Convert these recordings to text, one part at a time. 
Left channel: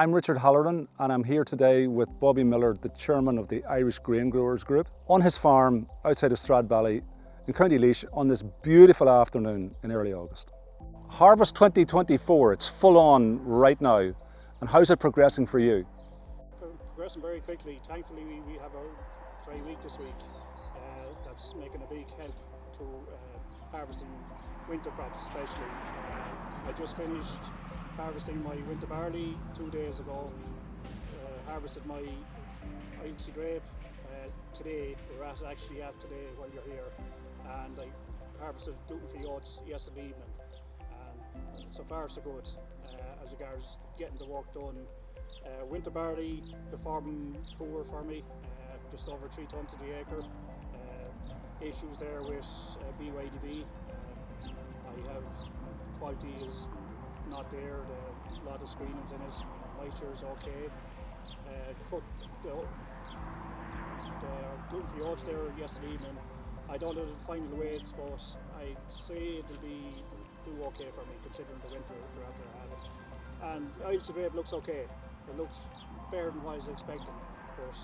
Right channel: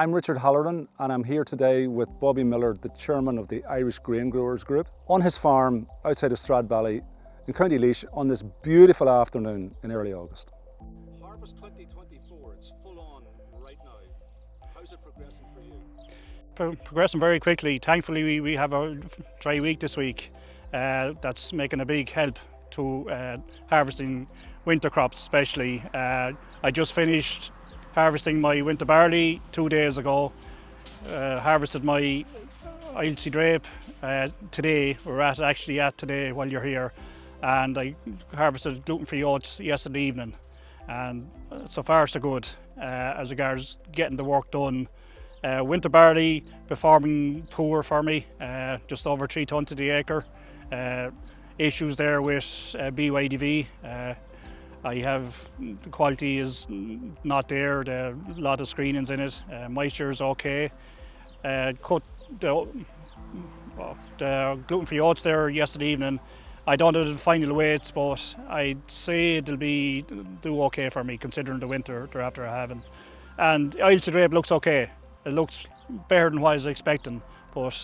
I'm Richard Halloran and I'm here today with Bobby Miller, the chairman of the Irish Grain Growers Group, on his farm outside of Stradbally in County Laois on this beautiful afternoon in early August. Harvest 2024, it's full on right now, and how's it progressing for you? Progressing very quickly. Thankfully we have a dry week this week. That's making a big help to harvesting winter crops especially. I just finished harvesting my winter barley 2 days ago. Harvested my oilseed rape today. We're actually at today while you're here. And I harvested gluten-free oats yesterday evening. And so far so good as regards getting the work done. Winter barley performing poor for me, just over 3 tonnes to the acre. Issues there with BYDV. I have, the quality is not there, a lot of screenings in it, moisture is okay. Cut the gluten-free oats there yesterday evening. I don't know the final weights, but I'd say it'll do okay for me considering the winter they're after having. And the oilseed rape looks okay. It looks better than what I was expecting, but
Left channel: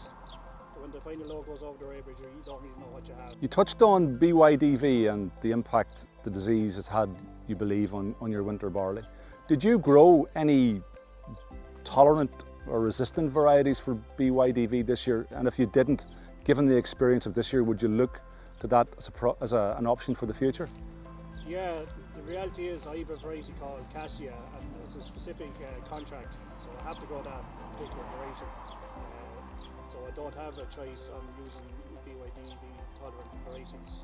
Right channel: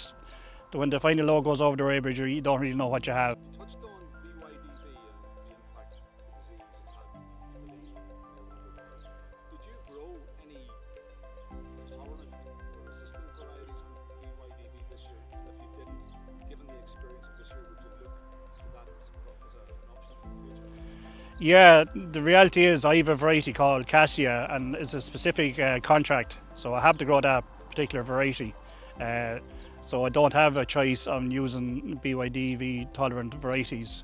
when the final load goes over the weighbridge, you don't really know what you have. You touched on BYDV and the impact the disease has had, you believe, on your winter barley. Did you grow any tolerant or resistant varieties for BYDV this year? And if you didn't, given the experience of this year, would you look to that as an option for the future? Yeah, the reality is I have a variety called Cassia, and it's a specific contract, so I have to grow that particular variety. So I don't have a choice on using BYDV tolerant varieties.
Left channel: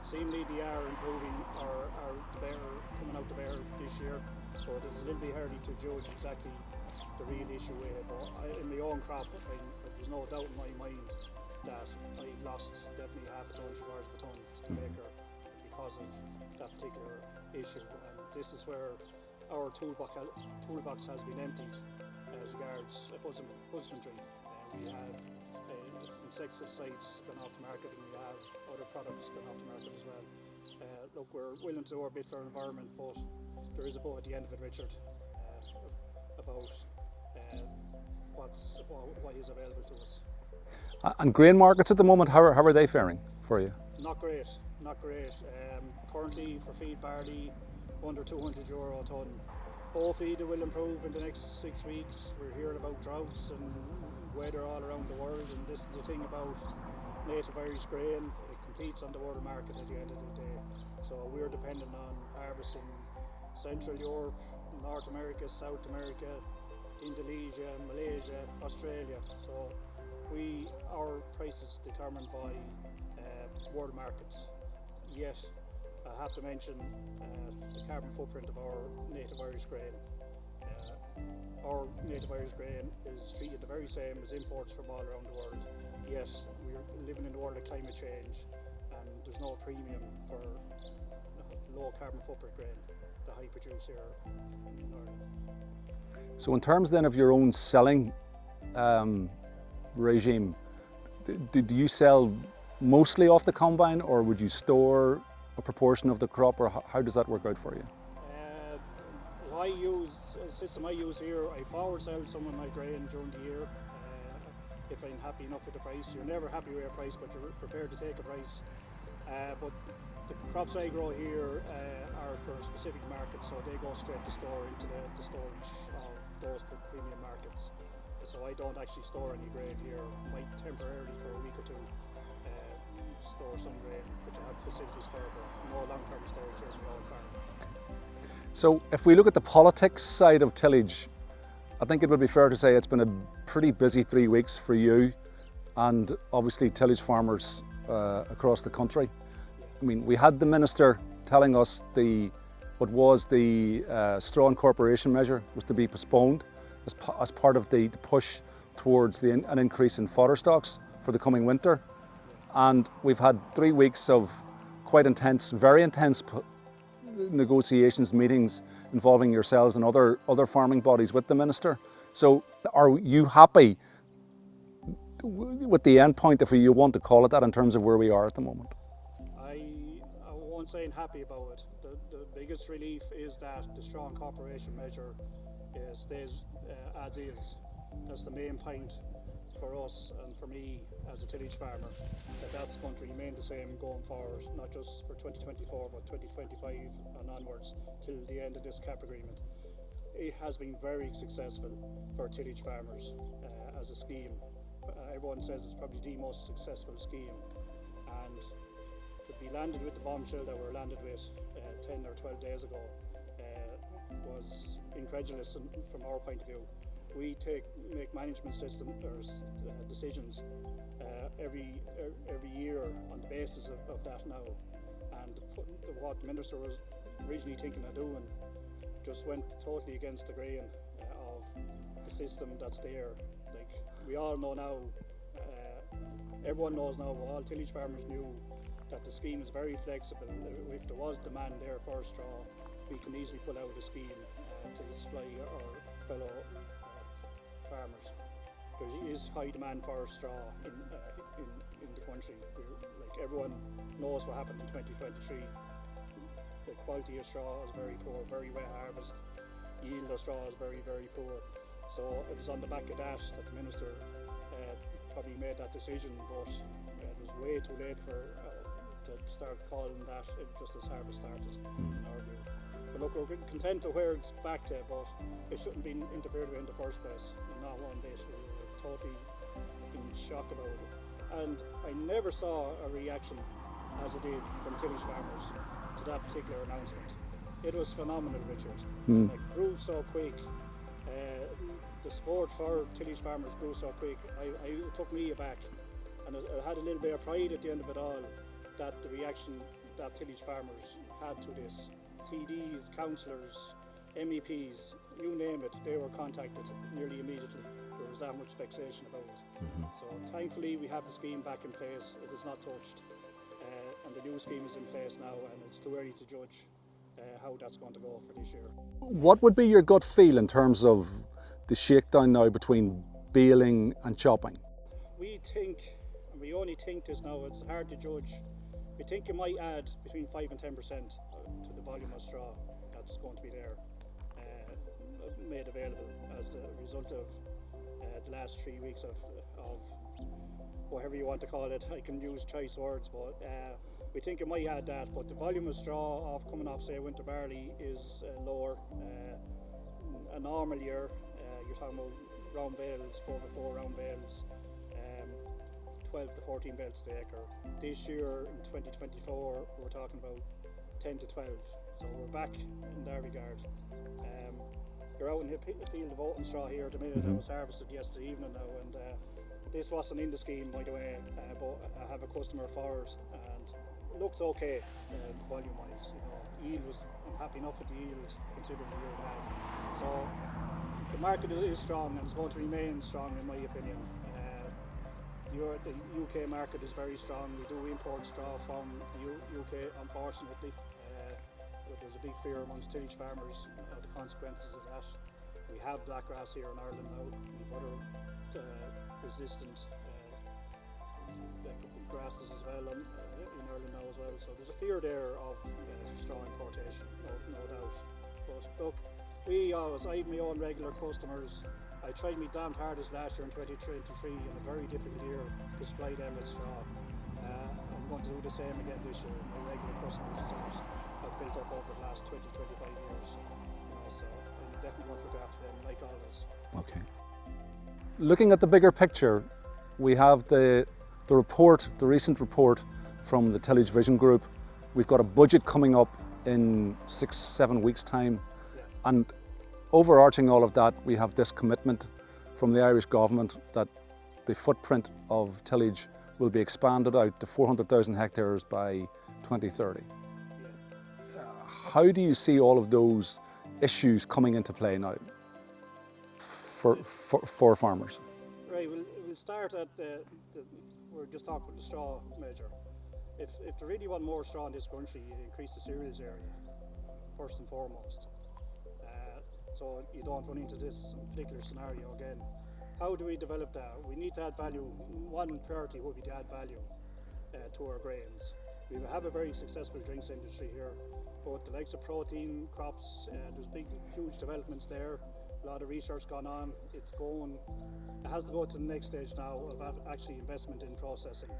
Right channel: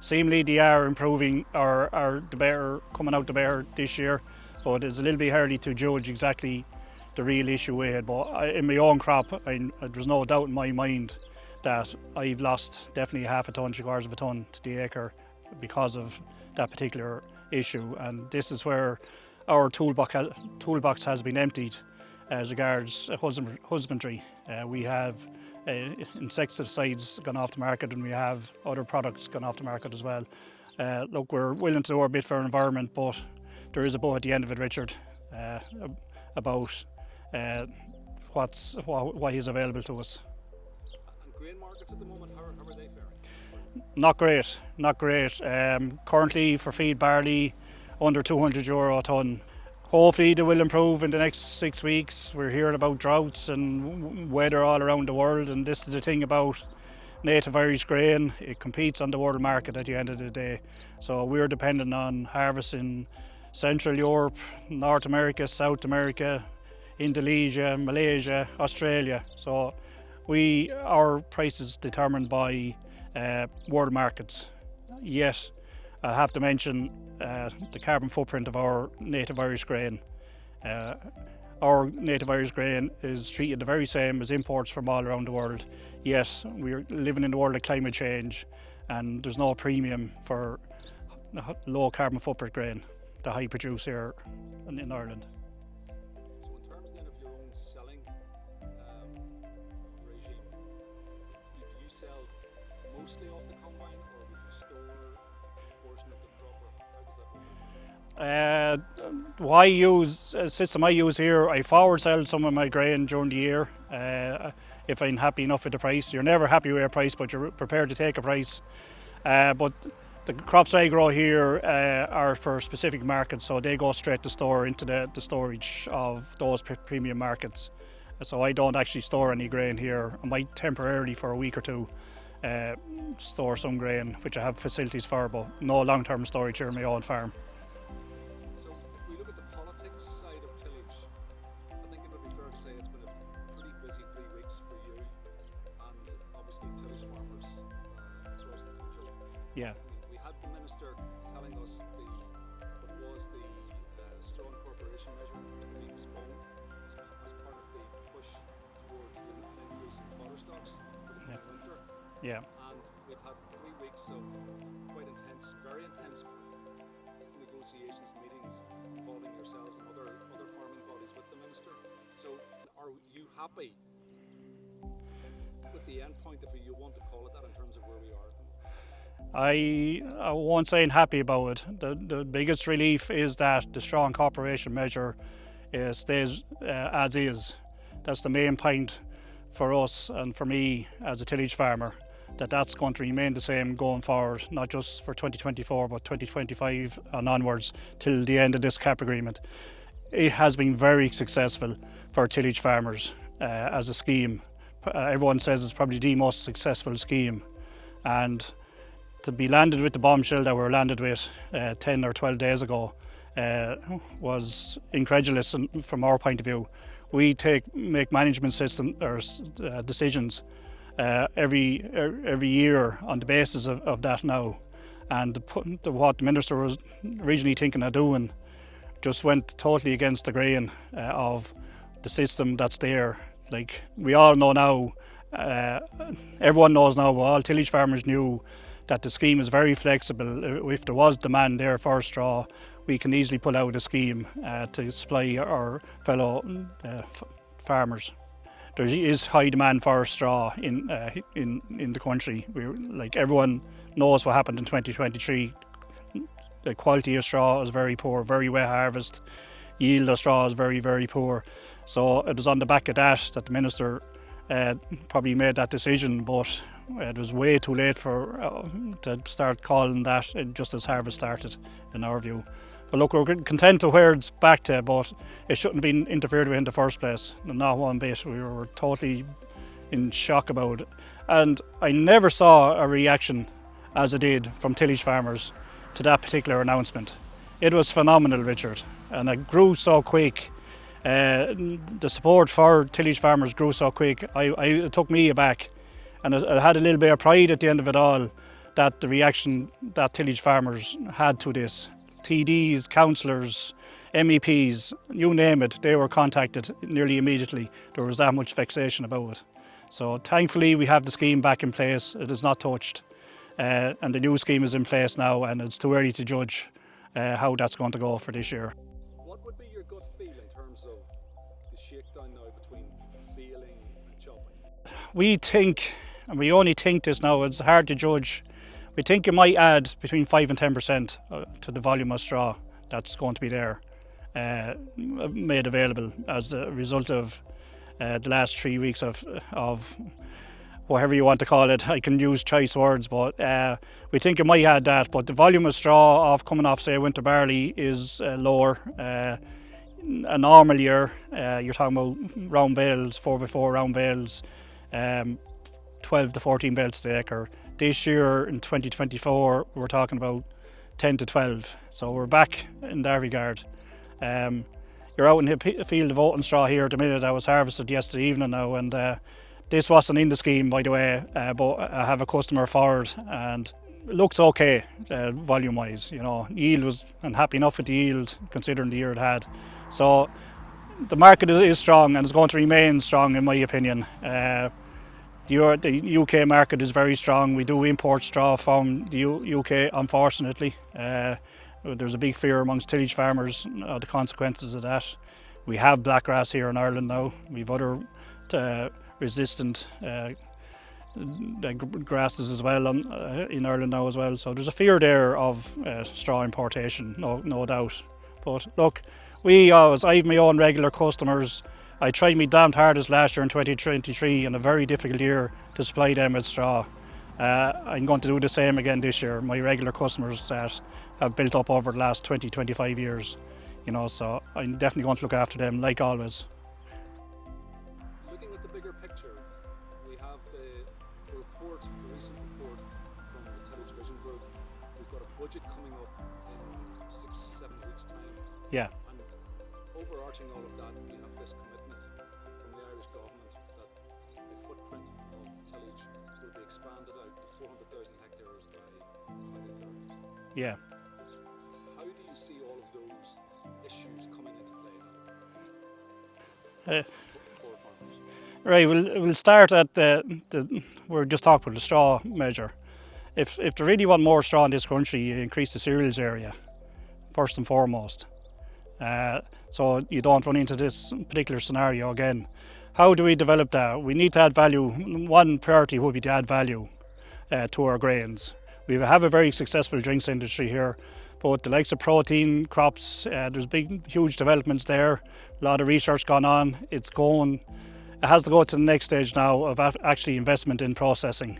Seemingly they are improving or the better, coming out the better this year, but it's a little bit early to judge exactly the real issue with it. But in my own crop, there's no doubt in my mind that I've lost definitely half a tonne, 3/4 of a tonne to the acre because of that particular issue. And this is where our toolbox has been emptied as regards husbandry. We have insecticides gone off the market, and we have other products gone off the market as well. Look, we're willing to do our bit for our environment, but there is a bow at the end of it, Richard, about what is available to us. And grain markets at the moment, how are they faring for you? Not great, not great. Currently for feed barley, under €200 a tonne. Hopefully they will improve in the next 6 weeks. We're hearing about droughts and weather all around the world, and this is the thing about native Irish grain. It competes on the world market at the end of the day. So we're dependent on harvesting Central Europe, North America, South America, Indonesia, Malaysia, Australia. So our price is determined by world markets. Yet, I have to mention the carbon footprint of our native Irish grain. Our native Irish grain is treated the very same as imports from all around the world. Yet, we're living in the world of climate change, and there's no premium for low carbon footprint grain that I produce here in Ireland. So in terms then of your own selling regime, do you sell mostly off the combine, or would you store a proportion of the crop, or how does that work out for you? What I use, a system I use here, I forward sell some of my grain during the year if I'm happy enough with the price. You're never happy with a price, but you're prepared to take a price. But the crops I grow here are for specific markets, so they go straight to store into the storage of those premium markets. So I don't actually store any grain here. I might temporarily for a week or two store some grain, which I have facilities for, but no long-term storage here on my own farm. So if we look at the politics side of tillage, I think it would be fair to say it's been a pretty busy 3 weeks for you and obviously tillage farmers across the country. Yeah. I mean, we had the Minister telling us what was the Straw Incorporation Measure was to be postponed as part of the push towards an increase in fodder stocks for the coming winter. Yeah. And we've had 3 weeks of quite intense, very intense negotiations, meetings involving yourselves and other farming bodies with the Minister. So are you happy with the end point, if you want to call it that, in terms of where we are at the moment? I won't say I'm happy about it. The biggest relief is that the Straw Incorporation Measure stays as is. That's the main point for us and for me as a tillage farmer, that's going to remain the same going forward, not just for 2024 but 2025 and onwards till the end of this CAP agreement. It has been very successful for tillage farmers as a scheme. Everyone says it's probably the most successful scheme, and to be landed with the bombshell that we were landed with 10 or 12 days ago was incredulous from our point of view. We make management system or decisions every year on the basis of that now, and what the minister was originally thinking of doing just went totally against the grain of the system that's there. Like we all know now, everyone knows now, all tillage farmers knew that the scheme is very flexible. If there was demand there for straw, we can easily pull out a scheme to supply our fellow farmers. There is high demand for straw in the country. Like everyone knows what happened in 2023. The quality of straw is very poor, very wet harvest. Yield of straw is very, very poor. So it was on the back of that the minister probably made that decision, but it was way too late to start calling that just as harvest started, in our view. But look, we're content to where it's back to, but it shouldn't have been interfered with in the first place, not one bit. We were totally in shock about it. And I never saw a reaction as I did from tillage farmers to that particular announcement. It was phenomenal, Richard, and it grew so quick. The support for tillage farmers grew so quick, it took me aback. And I had a little bit of pride at the end of it all, that the reaction that tillage farmers had to this. TDs, councillors, MEPs, you name it, they were contacted nearly immediately. There was that much vexation about it. So thankfully we have the scheme back in place. It is not touched, and the new scheme is in place now, and it's too early to judge how that's going to go for this year. What would be your gut feel in terms of the shakedown now between baling and chopping? We think, and we only think this now, it's hard to judge. We think it might add between 5 and 10% to the volume of straw that's going to be there, made available as a result of the last 3 weeks of whatever you want to call it. I can use choice words, but we think it might add that. But the volume of straw coming off, say, winter barley is lower. A normal year, you're talking about round bales, 4x4 round bales, 12 to 14 bales to the acre. This year in 2024 we're talking about 10 to 12, so we're back in that regard. You're out in the field of oaten straw here at the minute. I was harvested yesterday evening now, and this wasn't in the scheme, by the way, but I have a customer for it, and it looks okay volume wise. You know, yield was, I'm happy enough with the yield considering the year it had. So the market is strong and it's going to remain strong, in my opinion. The UK market is very strong. We do import straw from the UK, unfortunately. There's a big fear amongst tillage farmers of the consequences of that. We have blackgrass here in Ireland now. We've other resistant grasses as well in Ireland now as well. So there's a fear there of straw importation, no doubt. But look, I have my own regular customers. I tried my damned hardest last year in 2023 in a very difficult year to supply them with straw. I'm going to do the same again this year. My regular customers that have built up over the last 20-25 years, you know, so I'm definitely going to look after them like always. Okay. Looking at the bigger picture, we have the report, the recent report from the Tillage Vision Group. We've got a budget coming up in 6-7 weeks' time. Yeah. And overarching all of that, we have this commitment from the Irish government that the footprint of tillage will be expanded out to 400,000 hectares by 2030. Yeah. How do you see all of those issues coming into play now for farmers? Right, we'll start at we're just talking about the straw measure. If they really want more straw in this country, you increase the cereals area, first and foremost. So you don't run into this particular scenario again. How do we develop that? We need to add value. One priority would be to add value to our grains. We have a very successful drinks industry here, but the likes of protein crops, there's huge developments there. A lot of research gone on. It has to go to the next stage now of actually investment in processing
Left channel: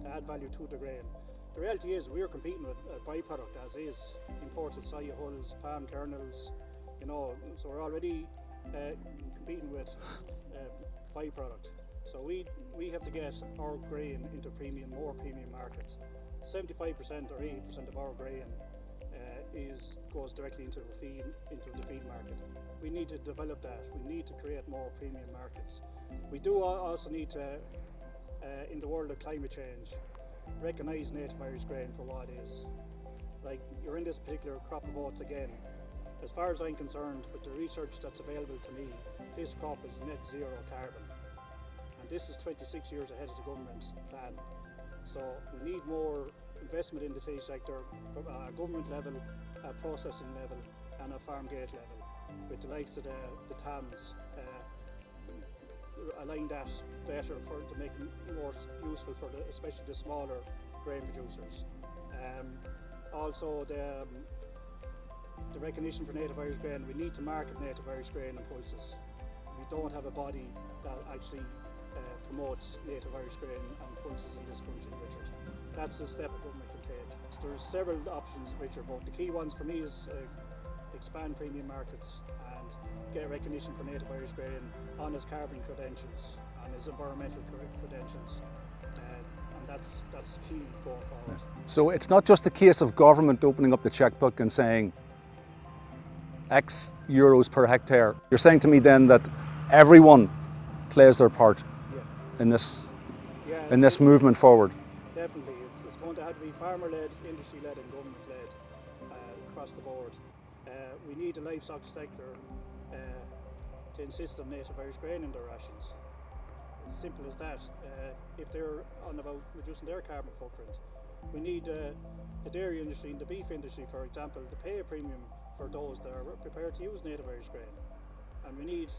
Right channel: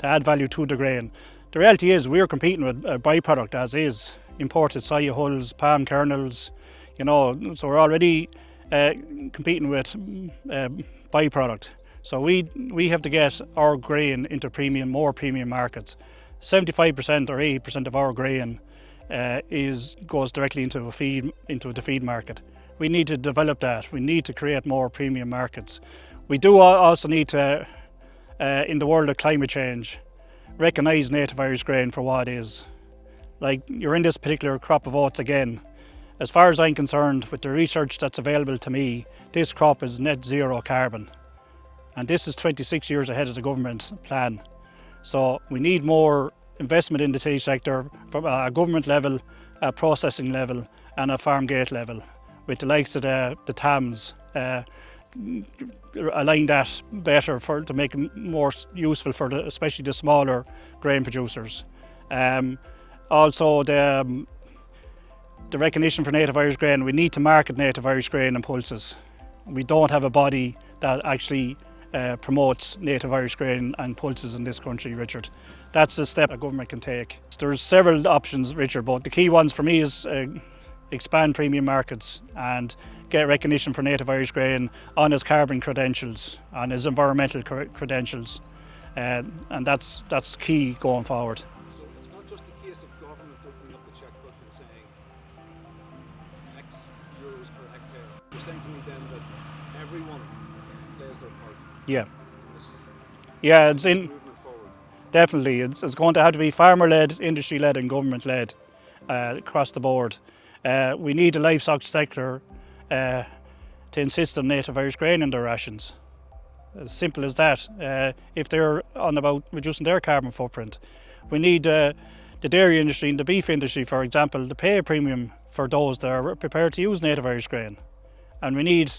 to add value to the grain. The reality is we're competing with a byproduct as is, imported soya hulls, palm kernels, so we're already competing with byproduct. So we have to get our grain into more premium markets. 75% or 80% of our grain goes directly into the feed market. We need to develop that. We need to create more premium markets. We do also need to, in the world of climate change, recognise native Irish grain for what it is. Like, you're in this particular crop of oats again. As far as I'm concerned, with the research that's available to me, this crop is net zero carbon. And this is 26 years ahead of the government plan. So we need more investment in the tillage sector from a government level, a processing level and a farm gate level, with the likes of the TAMs, align that better to make it more useful for especially the smaller grain producers. Also the recognition for native Irish grain. We need to market native Irish grain and pulses. We don't have a body that actually promotes native Irish grain and pulses in this country, Richard. That's a step a government can take. There's several options, Richard, but the key ones for me is expand premium markets and get recognition for native Irish grain on its carbon credentials, on its environmental credentials, and that's key going forward. So it's not just a case of government opening up the checkbook and saying X euros per hectare. You're saying to me then that everyone plays their part in this movement forward? Definitely. It's going to have to be farmer-led, industry-led and government-led across the board. We need the livestock sector to insist on native Irish grain in their rations. As simple as that, if they're on about reducing their carbon footprint. We need the dairy industry and the beef industry, for example, to pay a premium for those that are prepared to use native Irish grain. And we need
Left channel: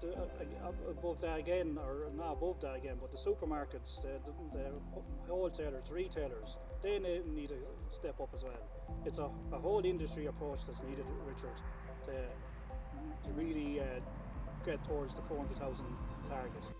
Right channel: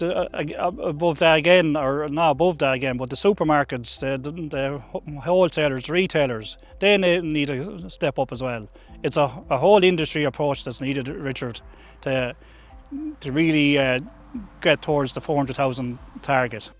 above that again, or not above that again, but the supermarkets, the wholesalers, the retailers, they need to step up as well. It's a whole industry approach that's needed, Richard, to really get towards the 400,000 target.